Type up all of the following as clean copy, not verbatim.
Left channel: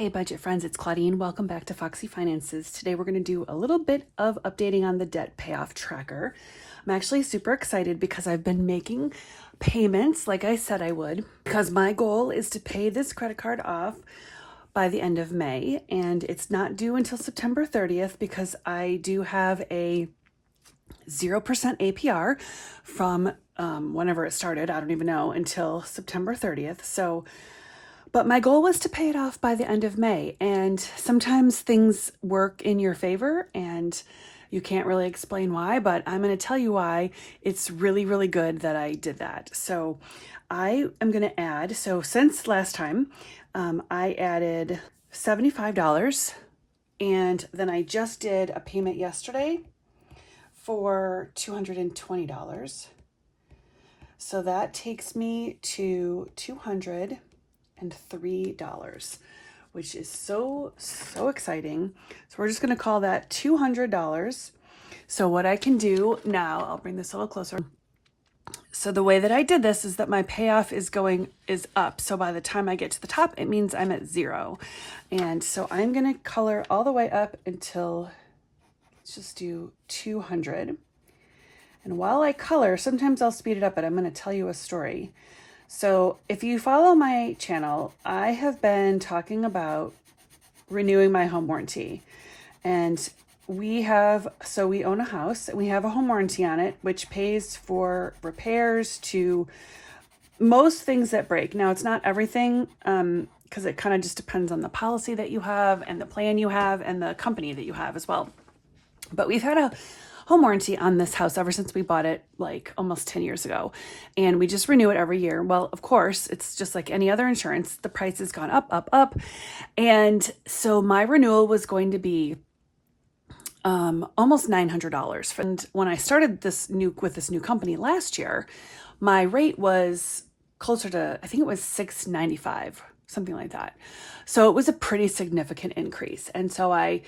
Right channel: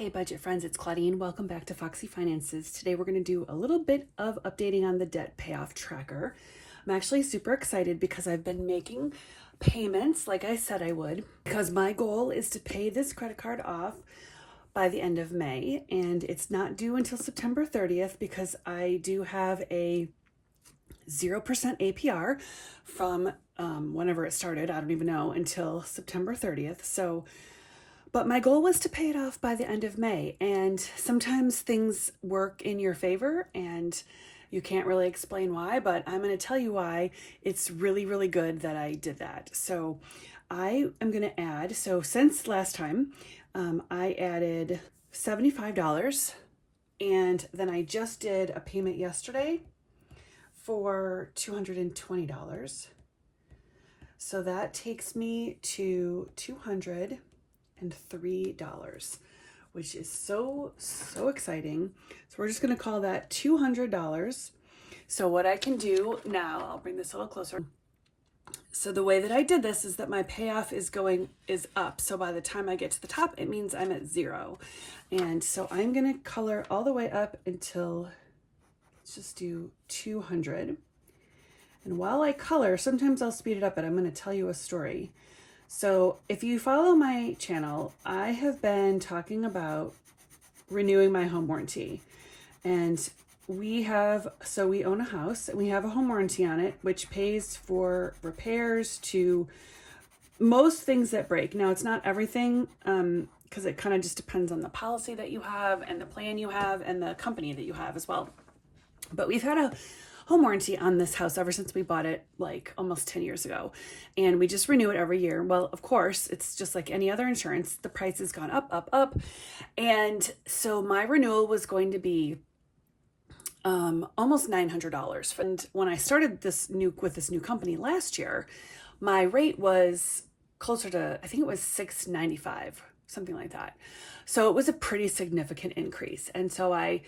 Hey budget friends, it's Claudine. Welcome back to Foxy Finances. Today we're going to do a little bit of updating on the debt payoff tracker. I'm actually super excited because I've been making payments like I said I would, because my goal is to pay this credit card off by the end of May, and it's not due until September 30th because I do have a 0% APR from whenever it started. I don't even know, until September 30th. But my goal was to pay it off by the end of May, and sometimes things work in your favor and you can't really explain why, but I'm going to tell you why it's really, really good that I did that. So I am going to add, since last time, I added $75, and then I just did a payment yesterday for $220. So that takes me to $203, which is so exciting. So we're just going to call that $200. So what I can do now, I'll bring this a little closer. So the way that I did this is that my payoff is up. So by the time I get to the top, it means I'm at 0. And so I'm going to color all the way up until, let's just do 200. And while I color, sometimes I'll speed it up, but I'm going to tell you a story. So if you follow my channel, I have been talking about renewing my home warranty. And we own a house and we have a home warranty on it, which pays for repairs to most things that break. Now, it's not everything, because it kind of just depends on the policy that you have and the plan you have and the company that you have as well. But we've had a home warranty on this house ever since we bought it, like almost 10 years ago. And we just renew it every year. Well, of course, it's just like any other insurance. The price has gone up. And so my renewal was going to be almost $900. And when I started with this new company last year, my rate was closer to, I think it was $695, something like that. So it was a pretty significant increase. And so I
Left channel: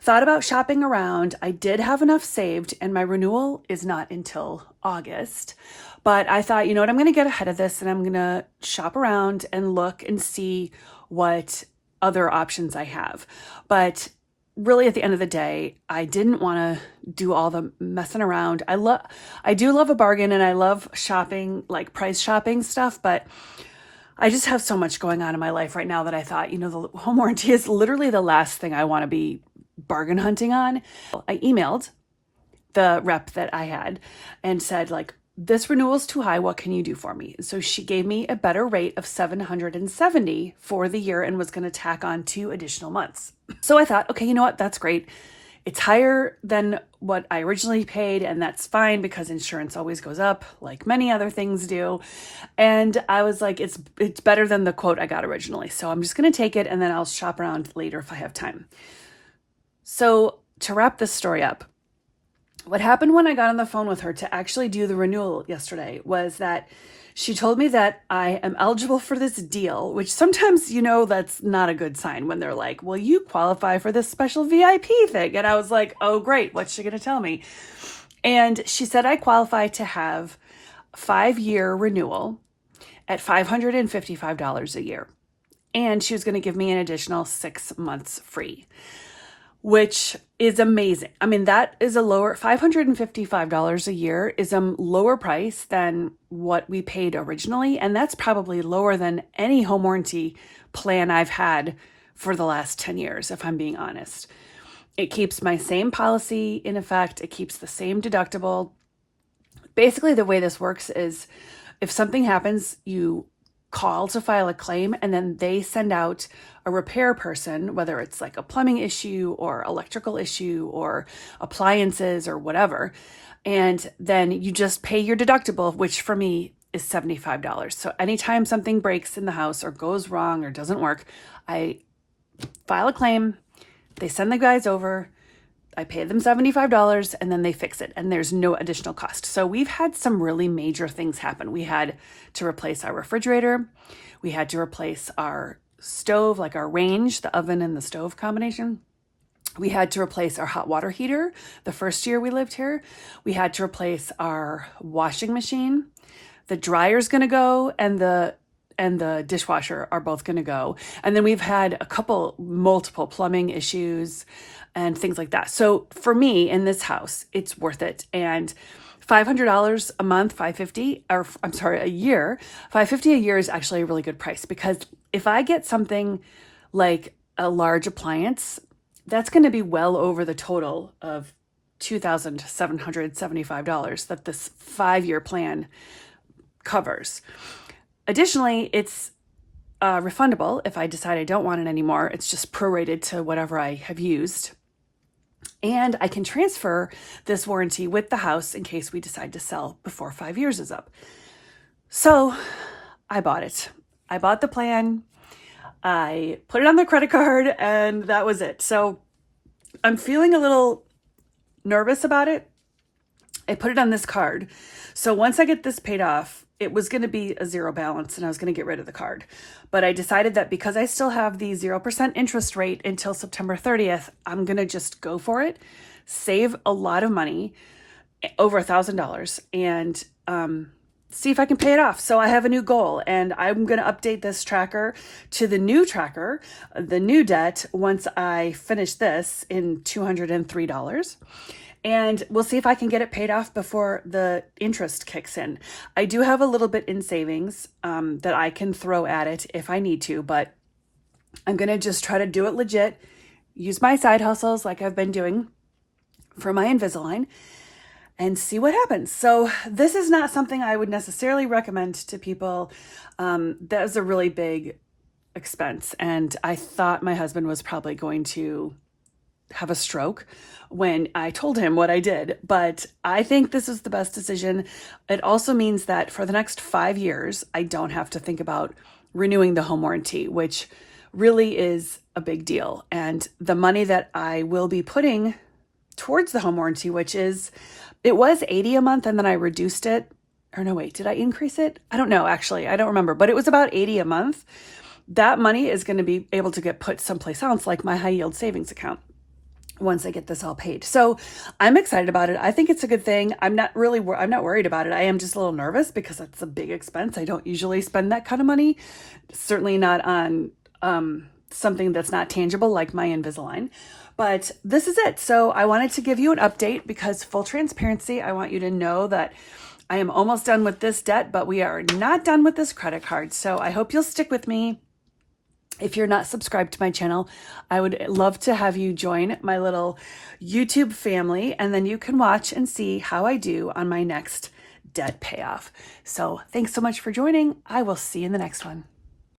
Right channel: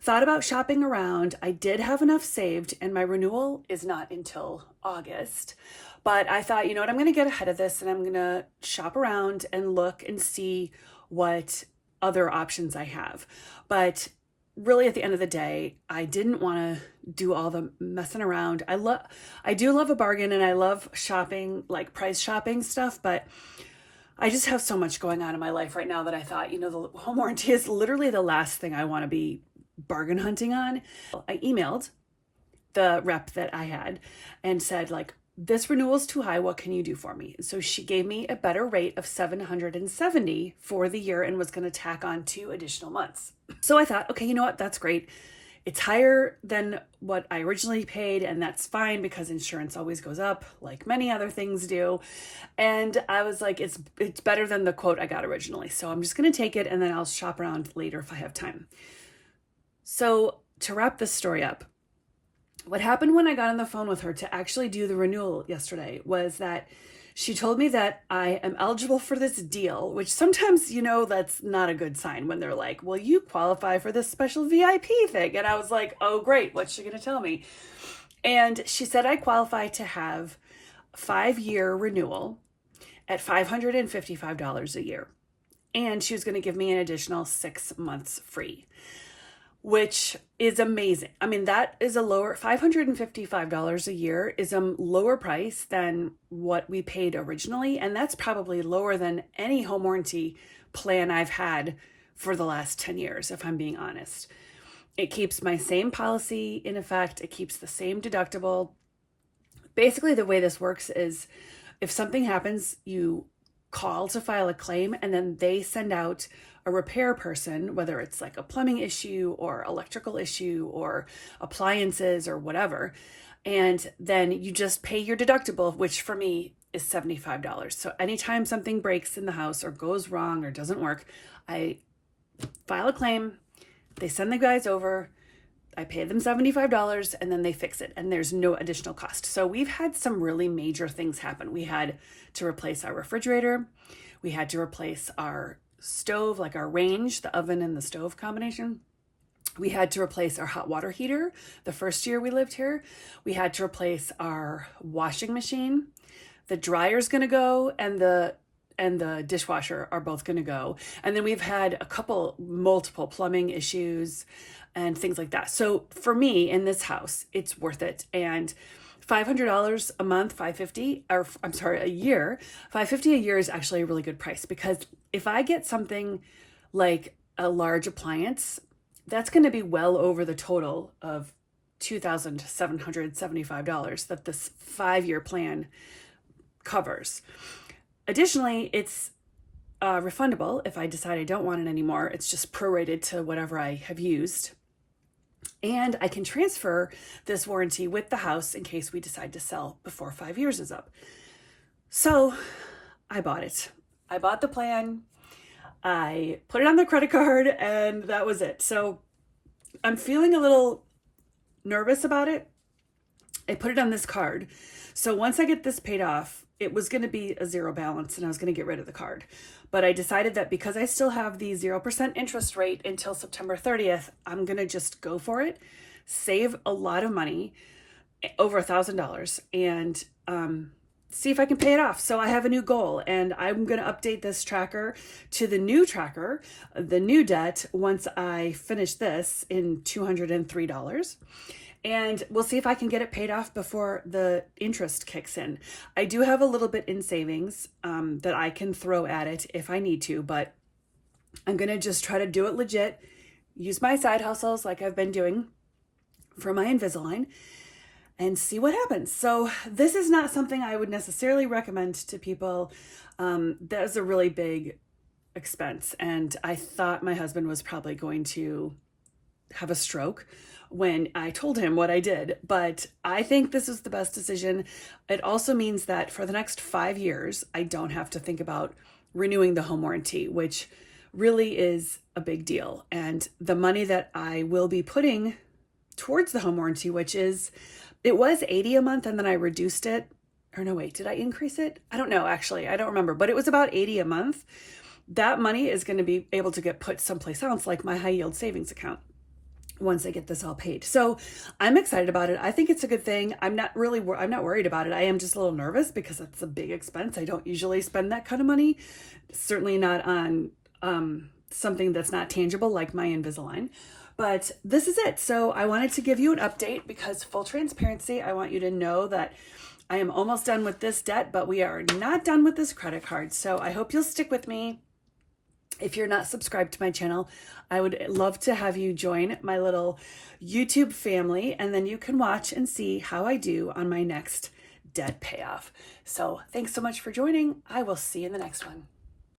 thought about shopping around. I did have enough saved, and my renewal is not until August. But I thought, you know what, I'm going to get ahead of this and I'm going to shop around and look and see what other options I have. But really, at the end of the day, I didn't want to do all the messing around. I do love a bargain, and I love shopping, like price shopping stuff, but I just have so much going on in my life right now that I thought, you know, the home warranty is literally the last thing I want to be bargain hunting on. I emailed the rep that I had and said, like, this renewal is too high. What can you do for me? So she gave me a better rate of $770 for the year and was going to tack on 2 additional months. So I thought, okay, you know what? That's great. It's higher than what I originally paid, and that's fine because insurance always goes up, like many other things do. And I was like, it's better than the quote I got originally. So I'm just going to take it, and then I'll shop around later if I have time. So to wrap this story up, what happened when I got on the phone with her to actually do the renewal yesterday was that she told me that I am eligible for this deal, which sometimes, you know, that's not a good sign when they're like, well, you qualify for this special VIP thing. And I was like, oh, great. What's she going to tell me? And she said I qualify to have 5-year renewal at $555 a year. And she was going to give me an additional 6 months free, which is amazing. I mean, that is $555 a year is a lower price than what we paid originally. And that's probably lower than any home warranty plan I've had for the last 10 years, if I'm being honest. It keeps my same policy in effect. It keeps the same deductible. Basically, the way this works is if something happens, you call to file a claim, and then they send out a repair person, whether it's like a plumbing issue or electrical issue or appliances or whatever. And then you just pay your deductible, which for me is $75. So anytime something breaks in the house or goes wrong or doesn't work, I file a claim, they send the guys over, I pay them $75, and then they fix it, and there's no additional cost. So we've had some really major things happen. We had to replace our refrigerator. We had to replace our stove, like our range, the oven and the stove combination. We had to replace our hot water heater the first year we lived here. We had to replace our washing machine. The dryer's going to go, and the and the dishwasher are both going to go. And then we've had multiple plumbing issues and things like that. So for me in this house, it's worth it. And $500 a month, 550, or I'm sorry, a year, 550 a year is actually a really good price, because if I get something like a large appliance, that's going to be well over the total of $2,775 that this 5-year plan covers. Additionally, it's refundable if I decide I don't want it anymore. It's just prorated to whatever I have used. And I can transfer this warranty with the house in case we decide to sell before 5 years is up. So I bought it. I bought the plan. I put it on the credit card, and that was it. So I'm feeling a little nervous about it. I put it on this card. So once I get this paid off, it was going to be a zero balance and I was going to get rid of the card. But I decided that because I still have the 0% interest rate until September 30th, I'm going to just go for it, save a lot of money, over $1,000, and see if I can pay it off. So I have a new goal, and I'm going to update this tracker to the new tracker, the new debt, once I finish this in $203. And we'll see if I can get it paid off before the interest kicks in. I do have a little bit in savings that I can throw at it if I need to, but I'm going to just try to do it legit, use my side hustles like I've been doing for my Invisalign, and see what happens. So this is not something I would necessarily recommend to people. That was a really big expense, and I thought my husband was probably going to have a stroke when I told him what I did, but I think this is the best decision. It also means that for the next 5 years, I don't have to think about renewing the home warranty, which really is a big deal. And the money that I will be putting towards the home warranty, it was $80 a month, and then I reduced it. Or no, wait, did I increase it? I don't know, actually. I don't remember, but it was about $80 a month. That money is going to be able to get put someplace else, like my high yield savings account, once I get this all paid. So I'm excited about it. I think it's a good thing. I'm not worried about it. I am just a little nervous because it's a big expense. I don't usually spend that kind of money, certainly not on something that's not tangible like my Invisalign. But this is it. So I wanted to give you an update because, full transparency, I want you to know that I am almost done with this debt, but we are not done with this credit card. So I hope you'll stick with me. If you're not subscribed to my channel, I would love to have you join my little YouTube family, and then you can watch and see how I do on my next debt payoff. So thanks so much for joining. I will see you in the next one.